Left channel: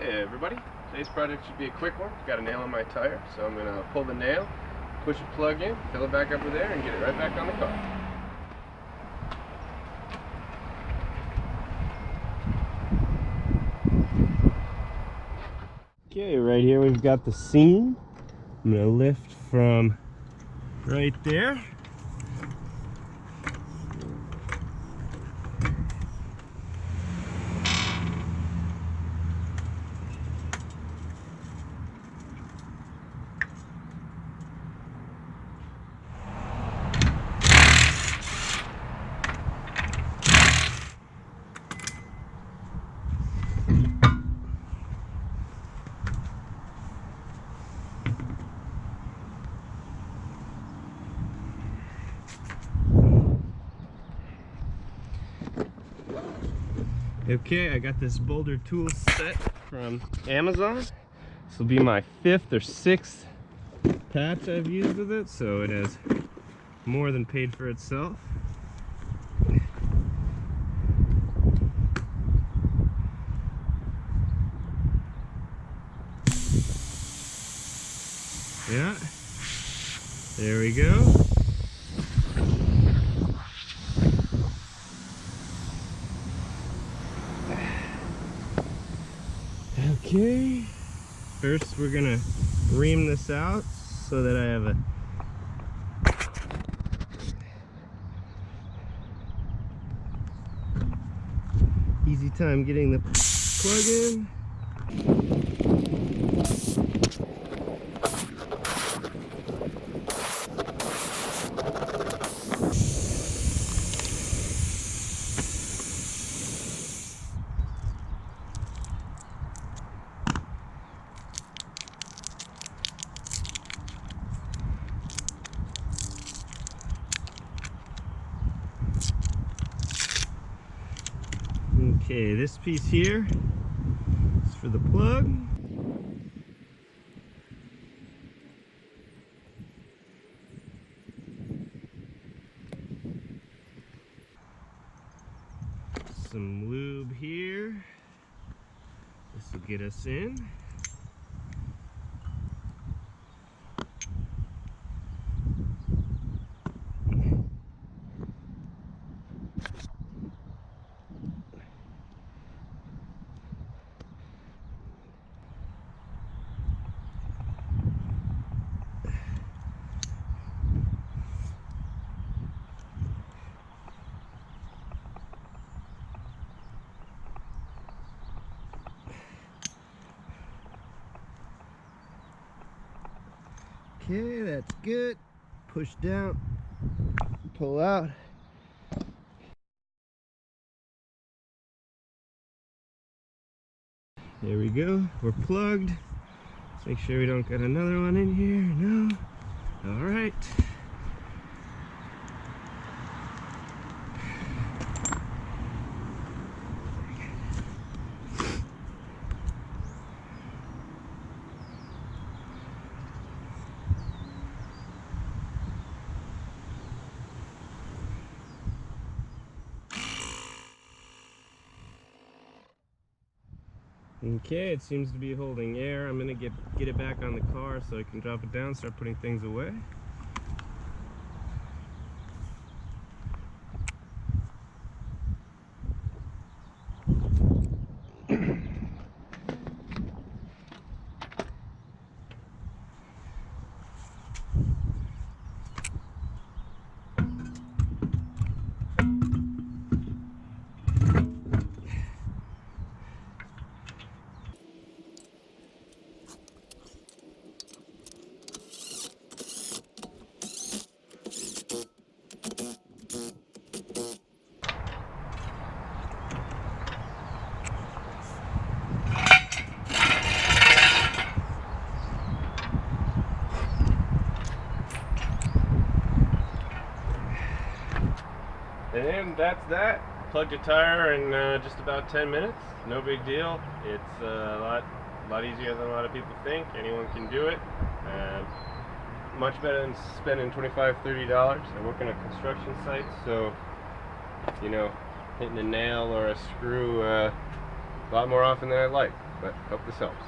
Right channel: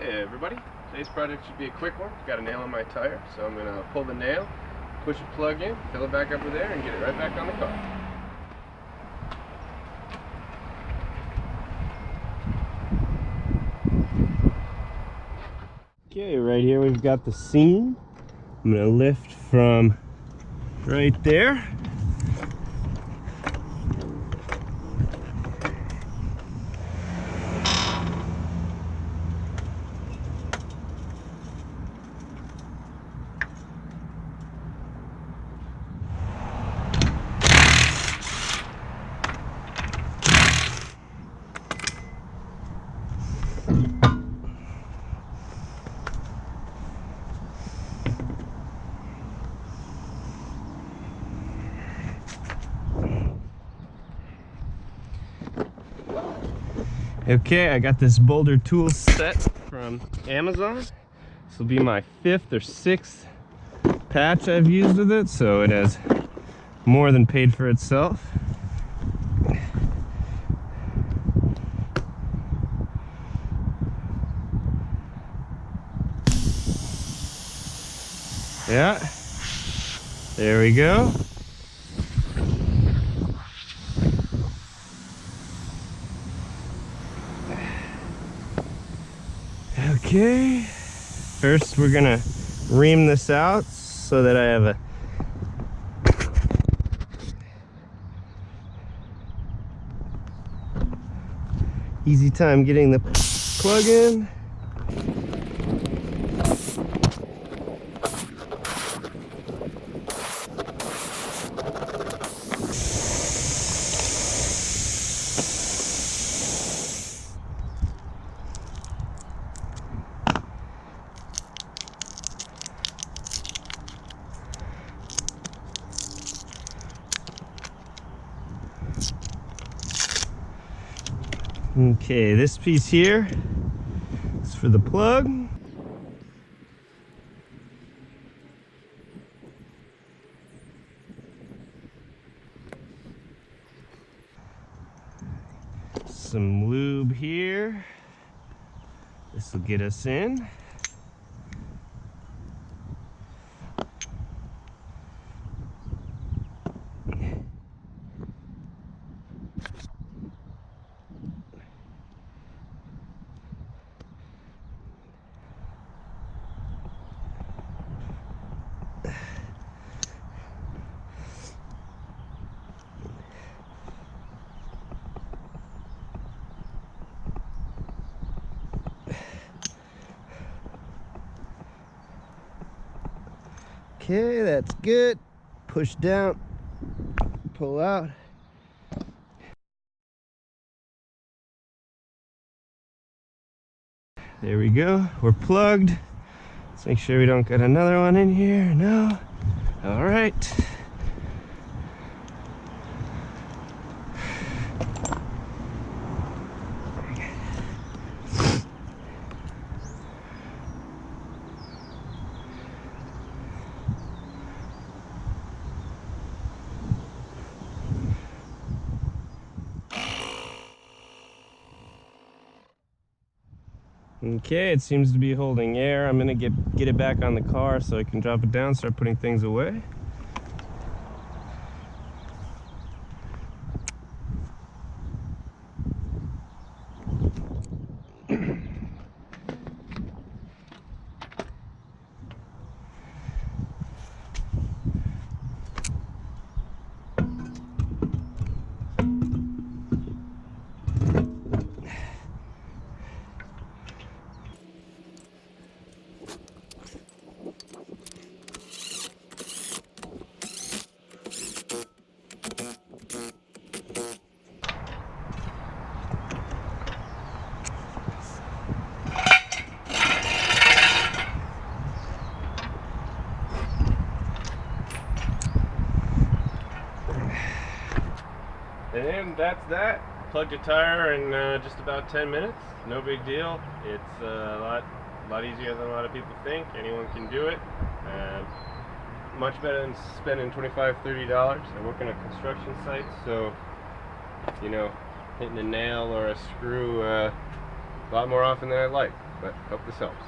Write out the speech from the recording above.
Hey everybody, today's project should be a quick one. Got a nail on my tire, so I'm going to pull the nail, push a plug in, fill it back up with air, and get it right back on the car. Okay, right here we've got the seam. I'm going to lift from right there. Okay, I got this boulder tool set from Amazon. This will be my 5th or 6th patch I've used with it, so it has more than paid for itself. Yeah, there we go. Okay, first we're gonna ream this out so that I have a easy time getting the plug in. Okay, this piece here is for the plug. Some lube here. This will get us in. Okay, that's good. Push down, pull out. There we go, we're plugged. Let's make sure we don't get another one in here. No. All right. Okay, it seems to be holding air. I'm gonna get it back on the car so I can drop it down, start putting things away. And that's that. Plugged a tire in just about 10 minutes. No big deal. It's a lot easier than a lot of people think. Anyone can do it. Much better than spending $25, $30. I work on a construction site, so you know, hitting a nail or a screw A lot more often than I'd like, but hope this helps.